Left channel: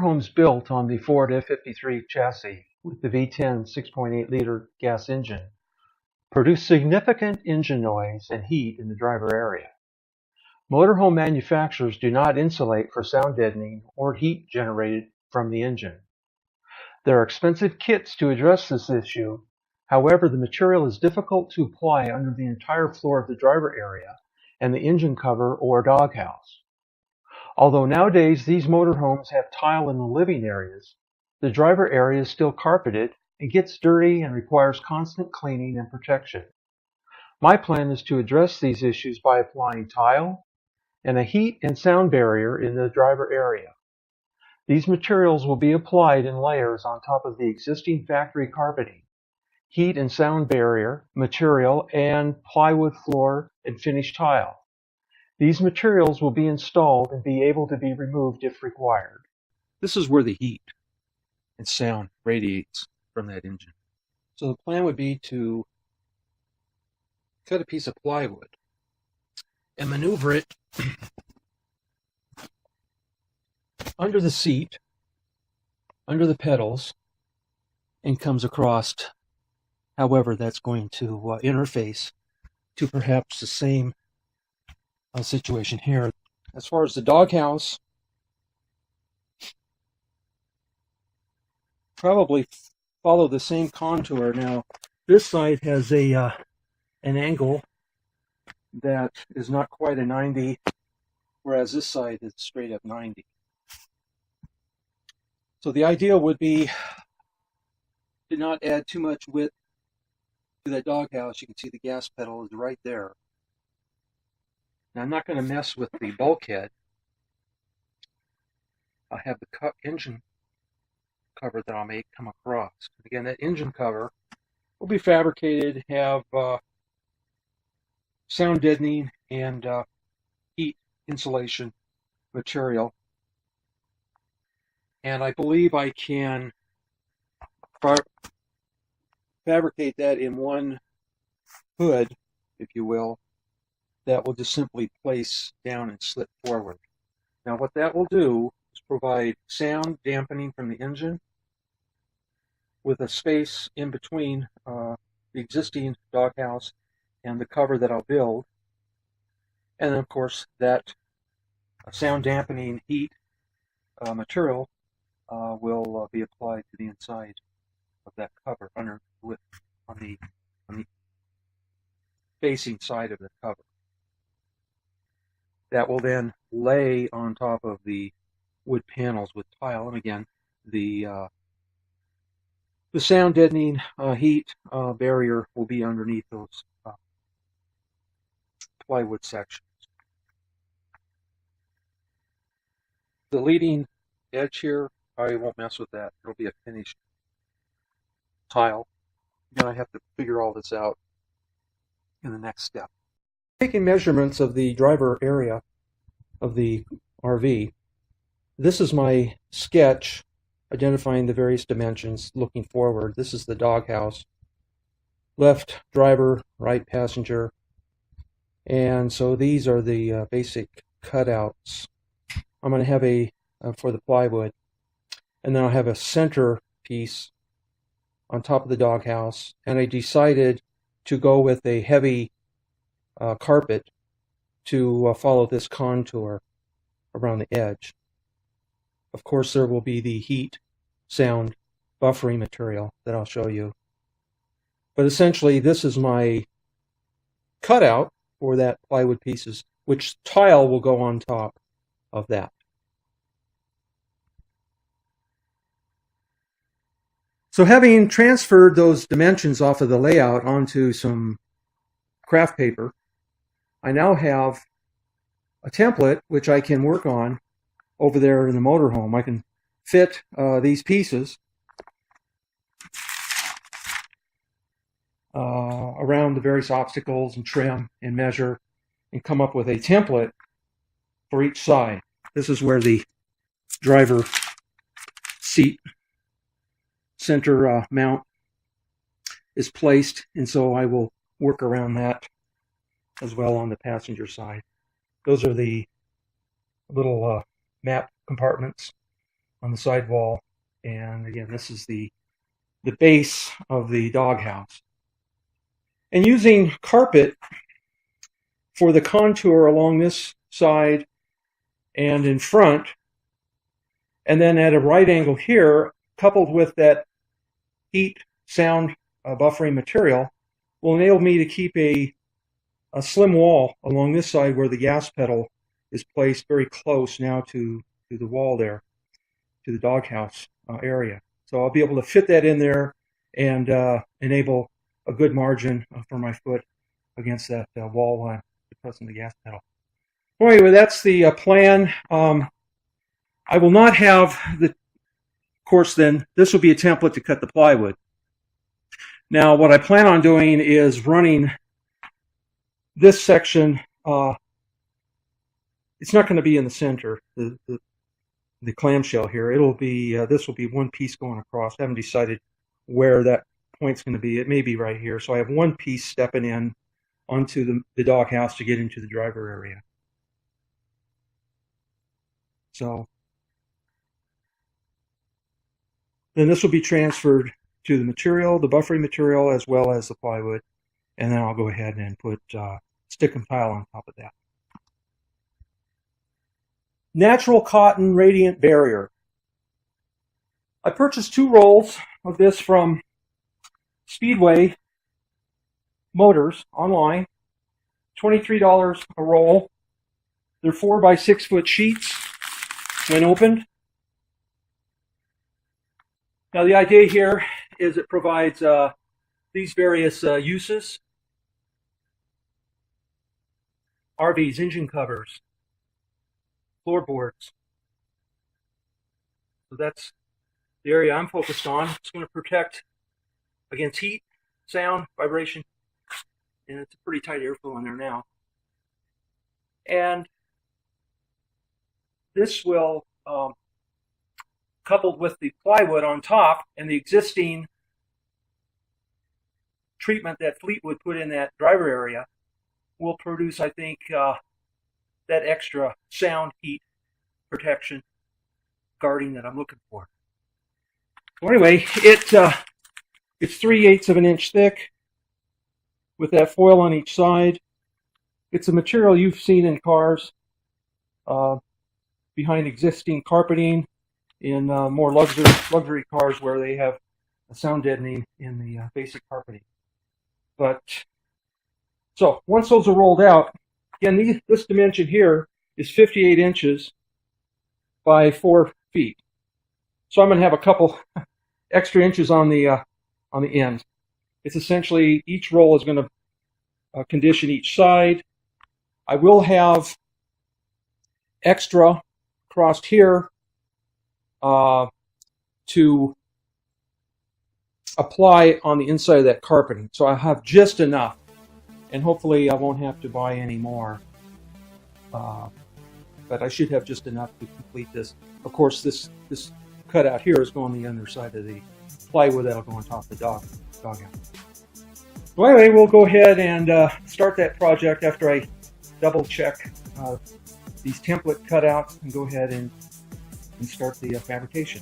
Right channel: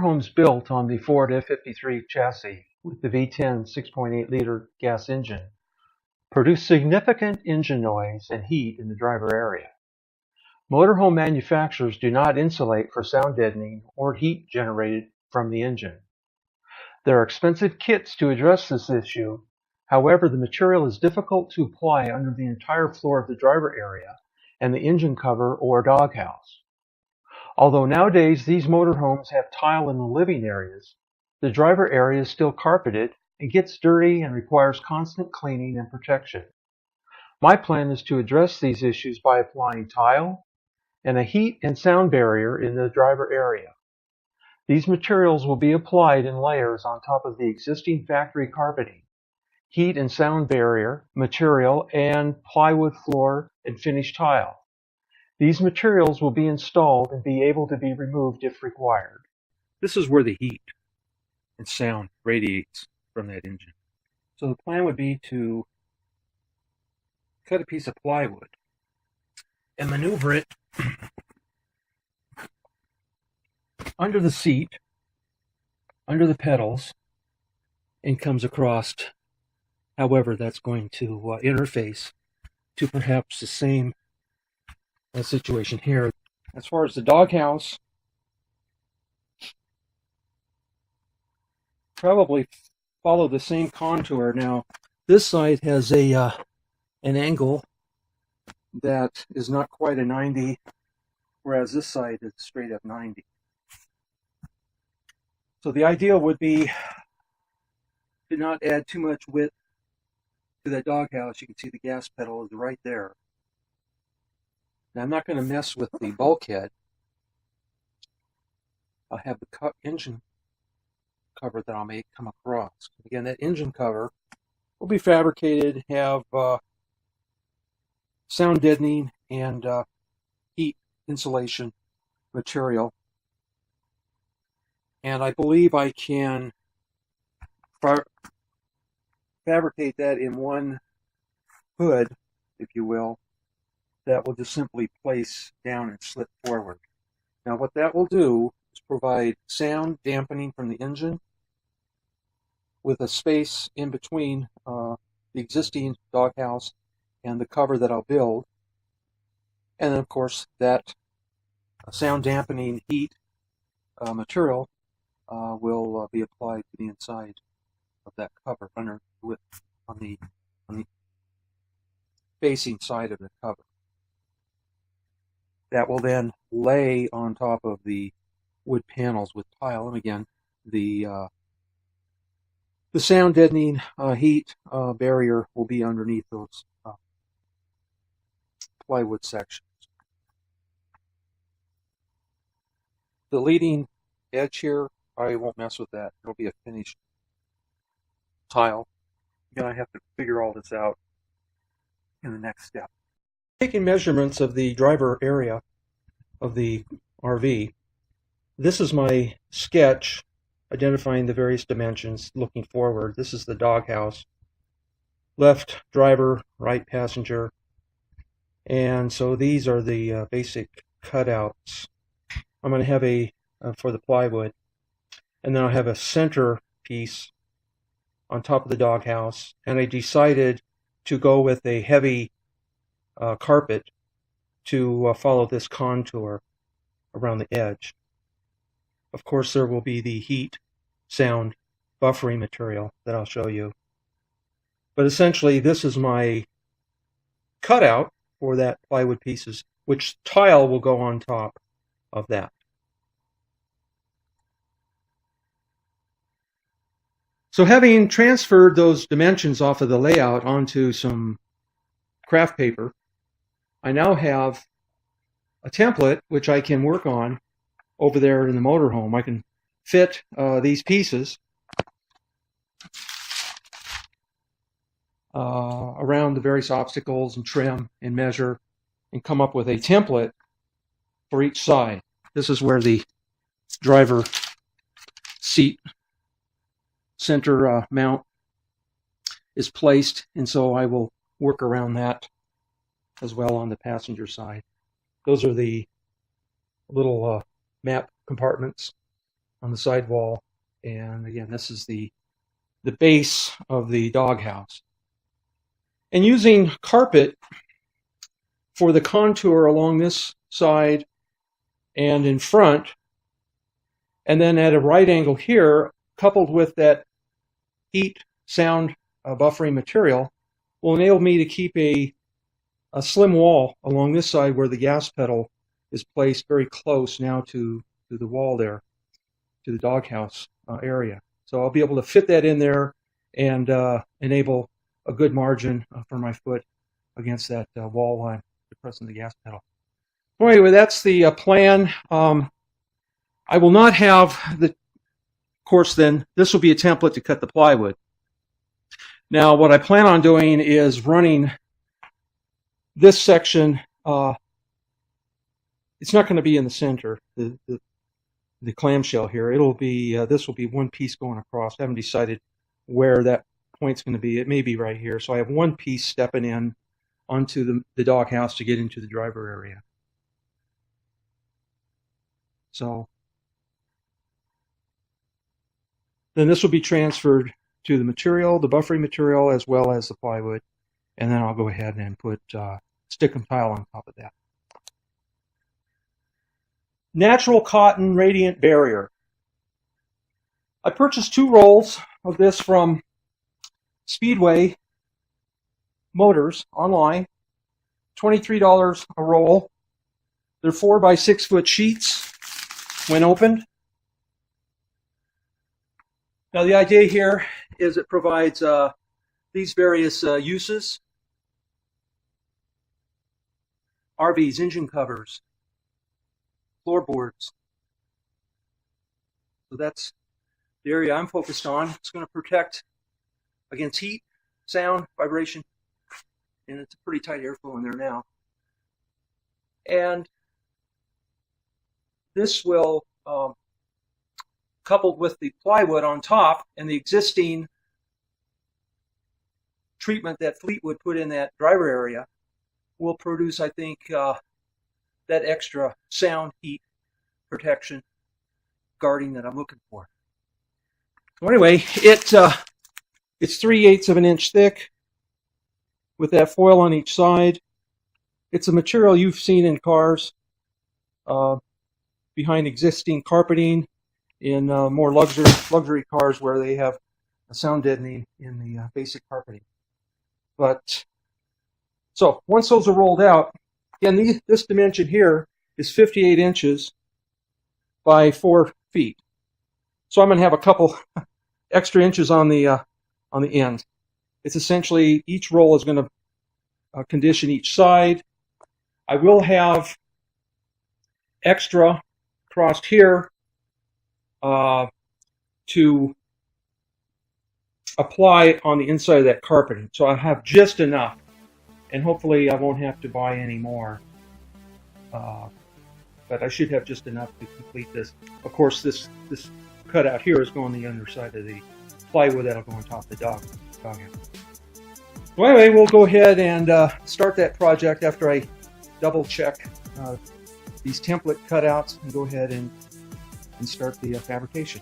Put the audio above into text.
Motorhomes built on the Ford F-53 chassis with the V10 6.8-liter gas engine produce significant engine noise and heat in the driver area. Motorhome manufacturers do not insulate for sound deadening or heat generated from the engine. There are expensive kits to address this issue. However, the material is difficult to apply under the entire floor of the driver area and the engine cover or doghouse. Although nowadays these motorhomes have tile in the living areas, the driver area is still carpeted and gets dirty and requires constant cleaning and protection. My plan is to address these issues by applying tile and a heat and sound barrier in the driver area. These materials will be applied in layers on top of the existing factory carpeting, heat and sound barrier material, and plywood floor and finished tile. These materials will be installed and be able to be removed if required. This is where the heat and sound radiates from that engine. So the plan would be to cut a piece of plywood and maneuver it under the seat, under the pedals, and comes across however that's going to interface to perhaps the same situation here. As far as the doghouse, probably follow the same contour. Now, this side has an angle that is not quite a 90, whereas this side is straight up 90. So the idea would be to not add too much width to that doghouse. You can see the gas pedal is right there. Now, I'm not going to mess with the bulkhead. I'll have the engine cover that I'll make come across. Again, that engine cover will be fabricated, have sound deadening and heat insulation material. And I believe I can fabricate that in one hood, if you will, that will just simply place down and slip forward. Now what that will do is provide sound dampening from the engine with a space in between the existing doghouse and the cover that I'll build. And then of course that sound dampening heat material will be applied to the inside of that cover on the facing side of the cover. That will then lay on top of the wood panels with tile, and again, the sound deadening heat barrier will be underneath those plywood sections. The leading edge here, I won't mess with that. It'll be a finished tile. Again, I have to figure all this out in the next step. Taking measurements of the driver area of the RV, this is my sketch identifying the various dimensions looking forward. This is the doghouse, left driver, right passenger, and so these are the basic cutouts. I'm going to have for the plywood, and then I'll have a center piece on top of the doghouse, and I decided to go with a heavy carpet to follow this contour around the edge. Of course, there will be the heat, sound, buffering material that I'll show you. But essentially, this is my cutout for that plywood pieces, which tile will go on top of that. So having transferred those dimensions off of the layout onto some craft paper, I now have a template which I can work on over there in the motorhome. I can fit these pieces around the various obstacles and trim and measure and come up with a template for each side. This is where the driver seat center mount is placed, and so I will work around that as well on the passenger side. Those are the little map compartments on the side wall. And again, this is the base of the doghouse. And using carpet for the contour along this side and in front, and then at a right angle here, coupled with that heat sound buffering material, will enable me to keep a slim wall along this side where the gas pedal is placed very close now to the wall there, to the doghouse area. So I'll be able to fit that in there and enable a good margin for my foot against that wall while I'm depressing the gas pedal. So anyway, that's the plan. I will not have of course then, this will be a template to cut the plywood. Now what I plan on doing is running this section, it's not going to be in the center, the clamshell here. It'll be, this will be one piece going across. I haven't decided where that point's going to be. It may be right here. So I have one piece stepping in onto the doghouse to get into the driver area. So then this will be transferred to the material, the buffering material, as well as the plywood. And then I'll go ahead and put stick-em tile on top of that. Natural cotton radiant barrier. I purchased 2 rolls of this from Speedway Motors online. $23 a roll. They're 4 by 6 foot sheets when opened. Now the idea here is it provides these various uses. RVs, engine covers, floorboards. So that's the area I'm focused on. It's going to protect against heat, sound, vibration, and it's a pretty tight airflow in there now. And this will, coupled with the plywood on top and the existing treatment that Fleetwood put in that driver area, will produce, I think, that extra sound, heat, protection, guarding that I'm looking for. So anyway, it's 3/8 of an inch thick with that foil on each side. It's a material you've seen in cars behind existing carpeting in more luxury cars where they have a sound deadening in the basic carpeting. But so once those are rolled out, again, this dimension here is 58 inches by 4 feet. So I'm going to have a couple extra inches on the end. It's essentially, each roll is going to condition each side. I will have extra crossed here to apply on the inside of that carpeting. So I have just enough, and hopefully I won't have to buy any more. But I should have just enough to complete this. Of course, this cutout here is going on the underside of the plywood that'll go on top of the dog house. Well, anyway, we'll go ahead and start that project after I double check these template cutouts and go ahead and start the fabrication.